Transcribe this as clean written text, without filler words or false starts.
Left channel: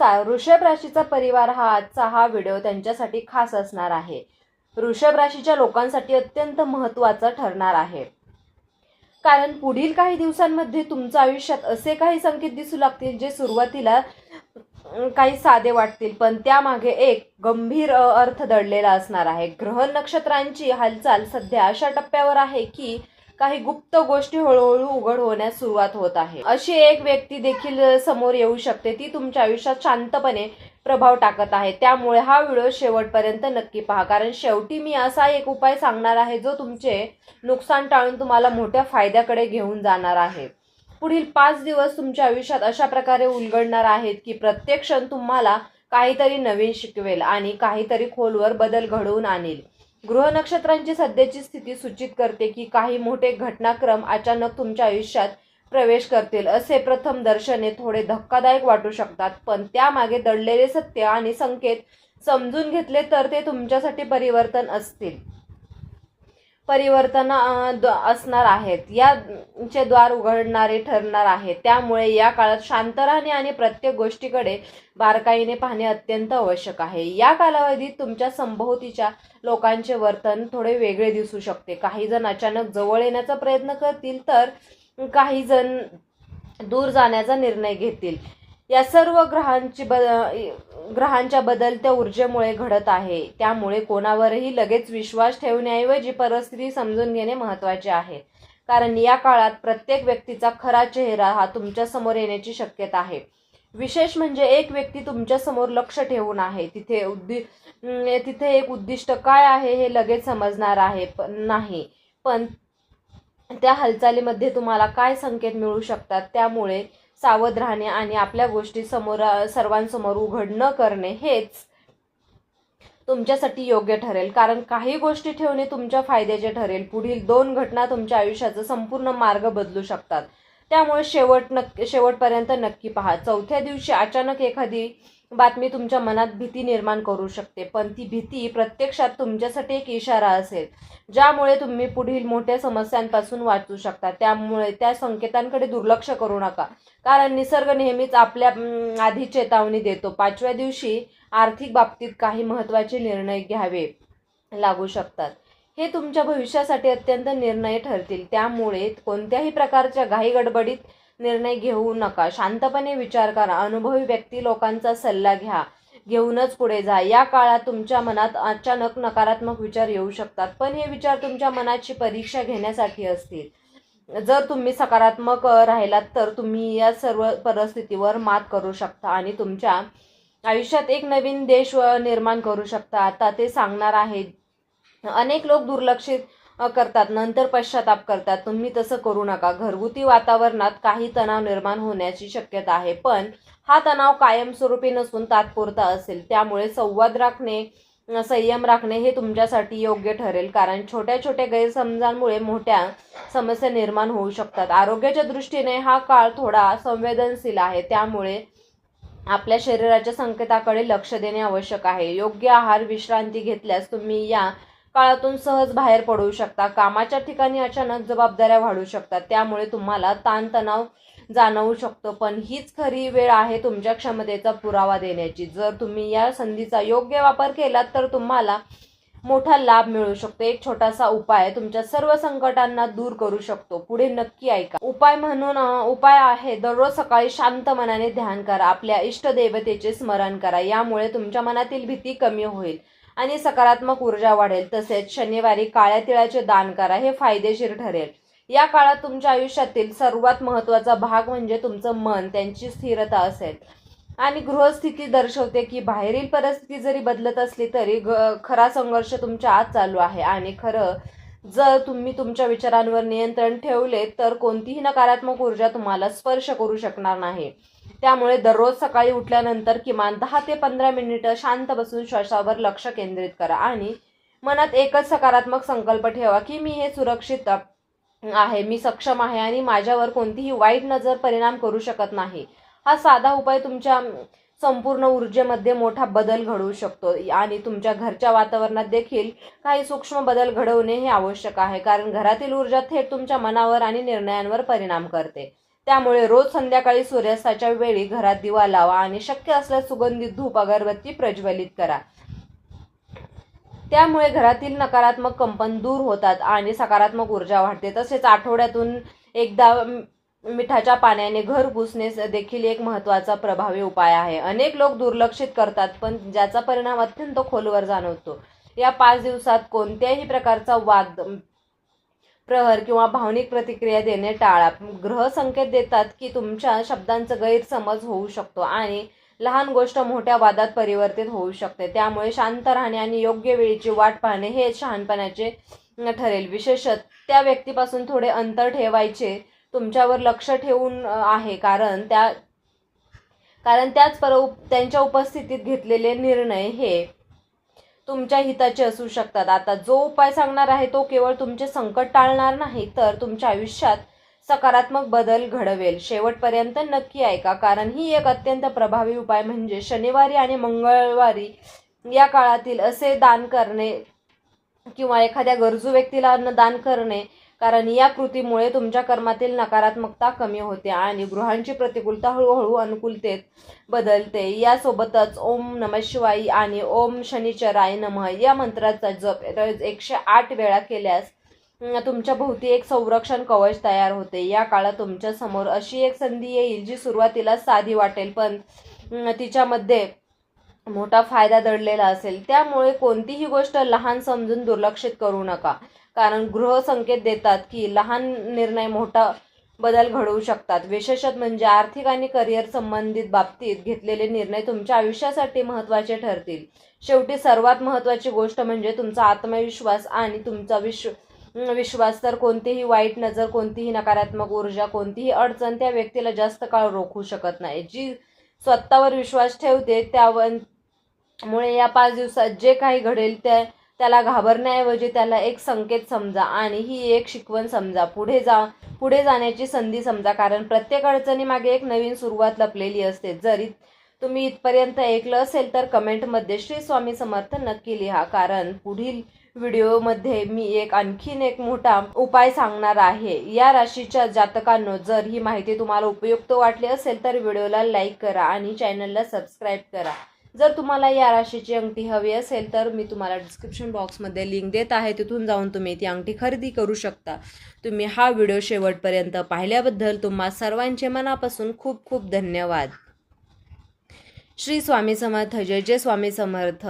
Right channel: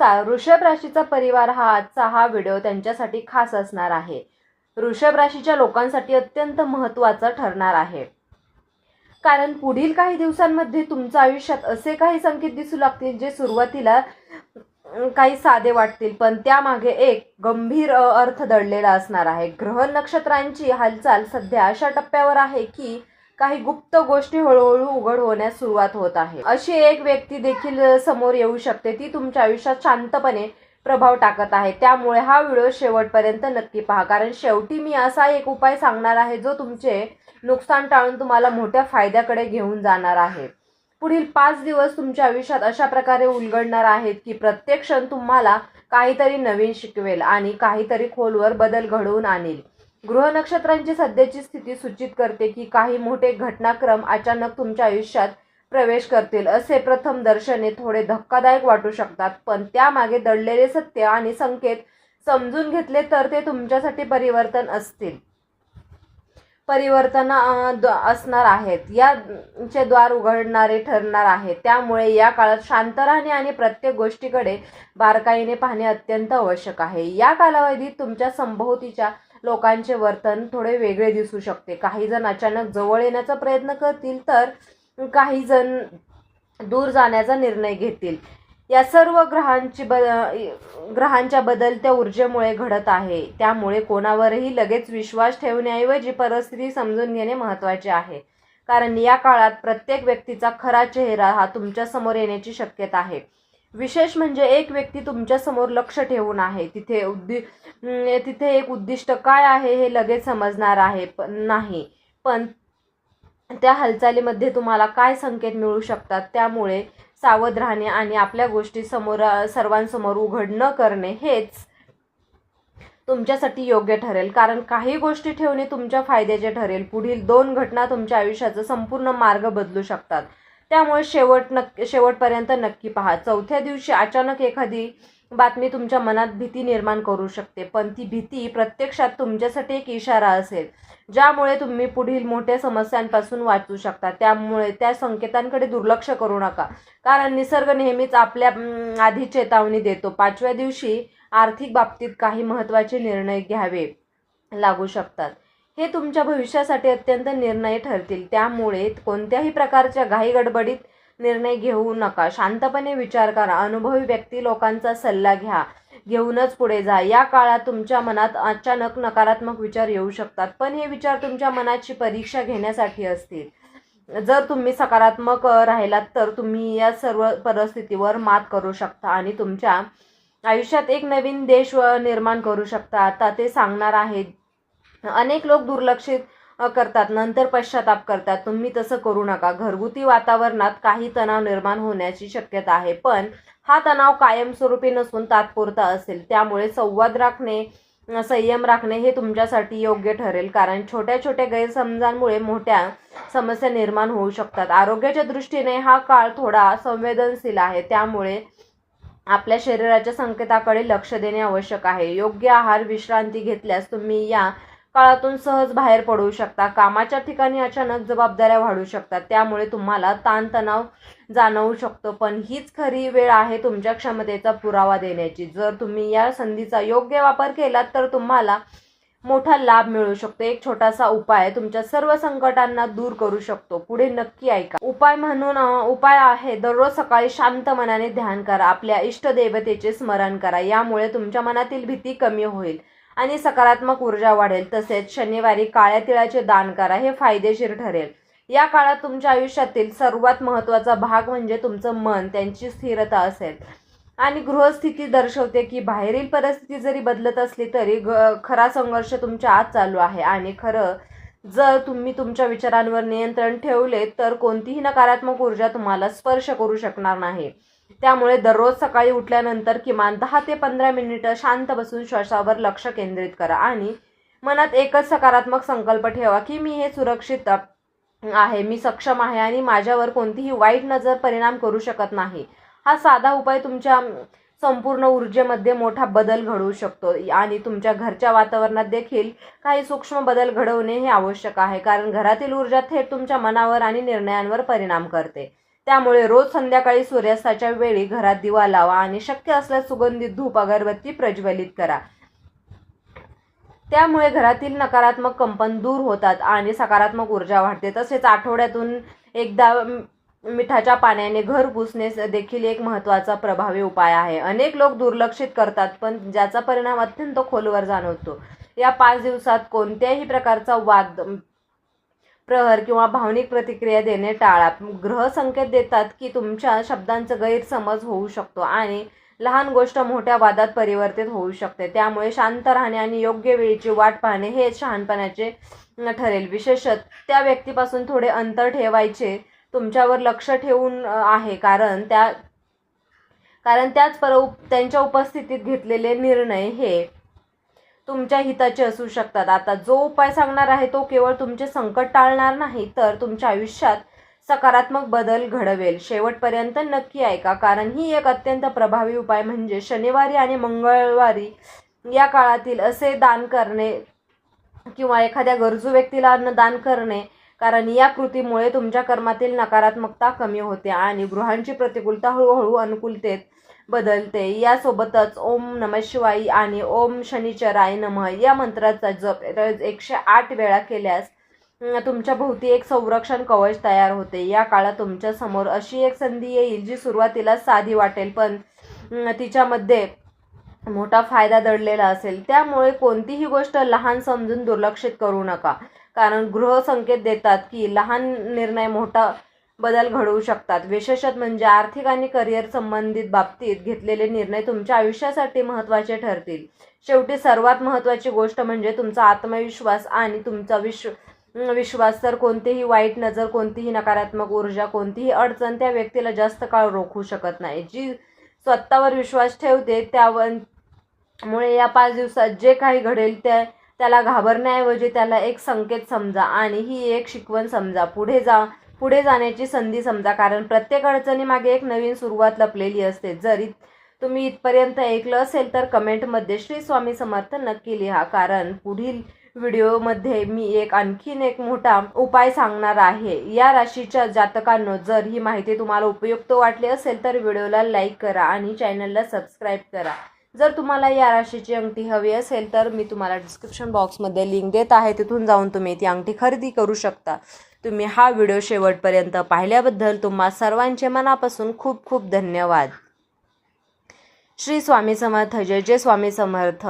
नमस्कार. वृषभ राशीचा परिवार आजचा व्हिडिओ त्यांच्यासाठी खास असणार आहे. वृषभ राशीच्या लोकांसाठी अत्यंत महत्त्वाचा ठरणार आहे, कारण पुढील काही दिवसांमध्ये तुमच्या आयुष्यात असे काही संकेत दिसू लागतील जे सुरुवातीला काही साधे वाटतील, पण त्यामागे एक गंभीर अर्थ दडलेला असणार आहे. ग्रह नक्षत्रांची हालचाल सध्या अशा टप्प्यावर आहे की काही गुप्त गोष्टी हळूहळू उघड होण्यास सुरुवात होत आहे. अशी एक व्यक्ती देखील समोर येऊ शकते, ती तुमच्या आयुष्यात शांतपणे प्रभाव टाकत आहे. त्यामुळे हा व्हिडिओ शेवटपर्यंत नक्की पहा, कारण शेवटी मी असा एक उपाय सांगणार आहे जो तुमचे नुकसान टाळून तुम्हाला मोठ्या फायद्याकडे घेऊन जाणार आहे. पुढील 5 दिवस तुमच्या आयुष्यात अशा प्रकारे उलगडणार आहेत की प्रत्येक क्षण तुम्हाला काहीतरी नवीन शिकवेल आणि काहीतरी खोलवर बदल घडवून आणेल. ग्रह नक्षत्रांची सध्याची स्थिती सूचित करते की काही मोठे घटनाक्रम अचानक तुमच्या आयुष्यात प्रवेश करतील. असे प्रथम दर्शने थोडे धक्कादायक वाटू शकतात, पण त्यामागे दडलेले सत्य आणि संकेत समजून घेतले तर ते तुमच्यासाठी परिवर्तन असणार आहेत. याचे द्वार उघडणारे ठरणार आहे. त्यामुळे या काळात शांत राहणे आणि प्रत्येक गोष्टीकडे बारकाईने पाहणे अत्यंत आवश्यक आहे. या कालावधीत तुमच्या संभोवतीच्या लोकांचे वर्तन थोडे वेगळे दिसू शकते. काही जण अचानक जवळ येण्याचा प्रयत्न करतील, तर काही जण दूर जाण्याचा निर्णय घेतील. या सर्व ग्रहांच्या बदलत्या ऊर्जेमुळे घडत आहे. त्यामुळे कोणावरही लगेच विश्वास ठेवण्याऐवजी परिस्थिती समजून घेणे महत्त्वाचे आहे, कारण या काळात प्रत्येक व्यक्तीचा खरा चेहरा हा तुमच्या समोर येण्याची शक्यता आहे. विशेष म्हणजे एक व्यक्ती तुमच्या समोर लक्ष ठेवून आहे. तिथे एक उद्दिष्ट काय आहे हे लगेच समजणार आहे नाही, पण त्या हालचालीमध्ये तुम्हाला काय संकेत मिळू शकतात. त्यामुळे सावध राहणे आणि आपल्या गोष्टी सर्वांसमोर उघड न करणे हेच तुमच्यासाठी योग्य ठरेल, कारण काही गोष्टी ठेवणे तुमच्या फायद्याचे ठरेल. पुढील 2 घटना तुमच्या आयुष्याचा संपूर्ण मार्ग बदलू शकतात. त्यामुळे शेवटपर्यंत नक्की पहा. 4थ्या दिवशी अचानक एखादी बातमी तुमच्या मनात भीती निर्माण करू शकते, पण ती भीती प्रत्यक्षात तुमच्यासाठी एक इशारा असेल, ज्यामुळे तुम्ही पुढील मोठ्या समस्यांपासून वाचू शकता. त्यामुळे त्या संकेतांकडे दुर्लक्ष करू नका, कारण निसर्ग नेहमीच आपल्या आधी चेतावणी देतो. 5व्या दिवशी आर्थिक बाबतीत काही महत्त्वाचे निर्णय घ्यावे लागू शकतात. हे तुमच्या भविष्यासाठी अत्यंत निर्णय ठरतील. त्यामुळे कोणत्याही प्रकारच्या घाईगडबडीत निर्णय घेऊ नका. शांतपणे विचार करा. अनुभवी व्यक्ती लोकांचा सल्ला घेऊनच पुढे जा. या काळात तुमच्या मनात अचानक नकारात्मक विचार येऊ शकतात, पण हे विचार तुमच्या मनाची परीक्षा घेण्यासाठी असतील. जर तुम्ही सकारात्मक राहिलात तर तुम्ही या सर्व परिस्थितीवर मात करू शकता आणि तुमच्या आयुष्यात एक नवीन देश निर्माण करू शकता. आता ते सांगणार आहे. अनेक लोक दुर्लक्षित करतात, नंतर पश्चाताप करतात. तुम्ही तसं करू नका. घरगुती वातावरणात काही तणाव निर्माण होण्याची शक्यता आहे, पण हा तणाव कायमस्वरूपी नसून तात्पुरता असेल. त्यामुळे संयम राखणे हे तुमच्यासाठी योग्य ठरेल, कारण छोट्या छोट्या गैरसमजांमुळे मोठ्या समस्या निर्माण होऊ शकतात. आरोग्याच्या दृष्टीने हा काळ थोडा संवेदनशील आहे, त्यामुळे आपल्या शरीराच्या संकेताकडे लक्ष देणे आवश्यक आहे. योग्य आहार, विश्रांती घेतल्यास तुम्ही या काळातून सहज बाहेर पडू शकता. कामाच्या ठिकाणी अचानक जबाबदाऱ्या वाढू शकतात, त्यामुळे तुम्हाला ताणतणाव जाणवू शकतो, पण हीच खरी वेळ आहे तुमच्या क्षमतेचा पुरावा देण्याची. जर तुम्ही या संधीचा योग्य वापर केलात तर तुम्हाला मोठा लाभ मिळू शकतो. एक छोटासा उपाय तुमच्या सर्व संकटांना दूर करू शकतो. पुढे नक्की ऐका. उपाय आहे दररोज सकाळी शांत मनाने ध्यान करा. आपल्या इष्टदेवतेचे स्मरण करा. यामुळे तुमच्या मनातील भीती कमी होईल आणि सकारात्मक ऊर्जा वाढेल. तसेच शनिवारी काळ्या तिळाचे दान करा. हे फायदेशीर ठरेल. या काळात तुमच्या आयुष्यातील सर्वात महत्त्वाचा भाग म्हणजे तुमचं मन, त्यांची स्थिरता असेल. आणि गृहस्थिती दर्शवते की बाहेरील परिस्थिती जरी बदलत असली तरी खरा संघर्ष तुमच्या आत चालू आहे. आणि जर तुम्ही तुमच्या विचारांवर नियंत्रण ठेवले तर कोणतीही नकारात्मक ऊर्जा तुम्हाला स्पर्श करू शकणार नाही. त्यामुळे दररोज सकाळी उठल्यानंतर किमान 10 ते 15 मिनिटं शांत बसून श्वासावर लक्ष केंद्रित करा आणि मनात एकच सकारात्मक संकल्प ठेवा की मी हे सुरक्षित आहे, मी सक्षम आहे आणि माझ्यावर कोणतीही वाईट नजर परिणाम करू शकत नाही. हा साधा उपाय तुमच्या संपूर्ण ऊर्जेमध्ये मोठा बदल घडवू शकतो आणि तुमच्या घरच्या वातावरणात देखील काही सूक्ष्म बदल घडवणे हे आवश्यक आहे, कारण घरातील ऊर्जा थेट तुमच्या मनावर आणि निर्णयांवर परिणाम करते. त्यामुळे रोज संध्याकाळी सूर्यास्ताच्या वेळी घरात दिवा लावा आणि शक्य असल्यास सुगंधित धूप अगरबत्ती प्रज्वलित करा. त्यामुळे घरातील नकारात्मक कंपन दूर होतात आणि सकारात्मक ऊर्जा वाढते. तसेच आठवड्यातून एकदा मिठाच्या पाण्याने घर पुसणे देखील एक महत्त्वाचा प्रभावी उपाय आहे. अनेक लोक दुर्लक्षित करतात, पण ज्याचा परिणाम अत्यंत खोलवर जाणवतो. या 5 दिवसात कोणत्याही प्रकारचा वाद, प्रहर किंवा भावनिक प्रतिक्रिया देणे टाळा. ग्रह संकेत देतात की तुमच्या शब्दांचा गैरसमज होऊ शकतो आणि लहान गोष्ट मोठ्या वादात परिवर्तित होऊ शकते. त्यामुळे शांत राहणे आणि योग्य वेळीची वाट पाहणे हे शहाणपणाचे ठरेल. विशेषतः त्या व्यक्तीपासून थोडे अंतर ठेवायचे तुमच्यावर लक्ष ठेवून आहे, कारण त्यांच्या उपस्थितीत घेतलेले निर्णय हे तुमच्या हिताचे असू शकतात. आता जो उपाय सांगणार आहे तो केवळ तुमचे संकट टाळणार नाही, तर तुमच्या आयुष्यात सकारात्मक बदल घडवेल. शेवटपर्यंत नक्की ऐका, कारण ही एक अत्यंत प्रभावी उपाय म्हणजे शनिवारी आणि मंगळवारी या काळातील असे दान करणे किंवा एखाद्या गरजू व्यक्तीला अन्नदान करणे, कारण या कृतीमुळे तुमच्या कर्मातील नकारात्मकता कमी होते आणि ग्रहांची प्रतिकूलता हळूहळू अनुकूलतेत बदलते. यासोबतच ओम नमः शिवाय आणि ओम शनिचराय नमः या मंत्राचा जप 108 वेळा केल्यास तुमच्या भोवती एक संरक्षण कवच तयार होते. या काळात तुमच्या समोर अशी एक संधी येईल जी सुरुवातीला साधी वाटेल, पण तिच्यामध्ये मोठा फायदा दडलेला असेल. त्यामुळे कोणतीही गोष्ट लहान समजून दुर्लक्षित करू नका, कारण ग्रह संकेत देतात की लहान निर्णय मोठा बदल घडवू शकतात. विशेषतः म्हणजे आर्थिक आणि करिअर संबंधित बाबतीत घेतलेले निर्णय तुमच्या आयुष्यासाठी महत्त्वाचे ठरतील. शेवटी सर्वात महत्त्वाची गोष्ट म्हणजे तुमचा आत्मविश्वास आणि तुमचा विश्वास. तर कोणतीही वाईट नजर, कोणतीही नकारात्मक ऊर्जा, कोणतीही अडचण त्या व्यक्तीला जास्त काळ रोखू शकत नाही. जी स्वतःवर विश्वास ठेवते त्यामुळे या 5 दिवसात जे काही घडेल त्याला घाबरण्याऐवजी त्याला एक संकेत समजा आणि ही एक शिकवण समजा. पुढे जाण्याची संधी समजा, कारण प्रत्येक अडचणीमागे एक नवीन सुरुवात लपलेली असते. जरी तुम्ही इथपर्यंत ऐकलं असेल तर कमेंटमध्ये श्री स्वामी समर्थ नक्की लिहा, कारण पुढील व्हिडिओमध्ये मी आणखीन एक मोठा उपाय सांगणार आहे. या राशीच्या जातकांनो, जर ही माहिती तुम्हाला उपयुक्त वाटली असेल तर व्हिडिओला लाईक करा आणि चॅनलला सबस्क्राईब करा. जर तुम्हाला या राशीची अंगठी हवी असेल तर मी तुम्हाला डिस्क्रिप्शन बॉक्समध्ये लिंक देत आहे, तिथून जाऊन तुम्ही ती अंगठी खरेदी करू शकता. तुम्ही हा व्हिडिओ शेवटपर्यंत पाहिल्याबद्दल तुम्हा सर्वांचे मनापासून खूप खूप धन्यवाद. श्री स्वामी समर्थ. जय जय स्वामी समर्थ.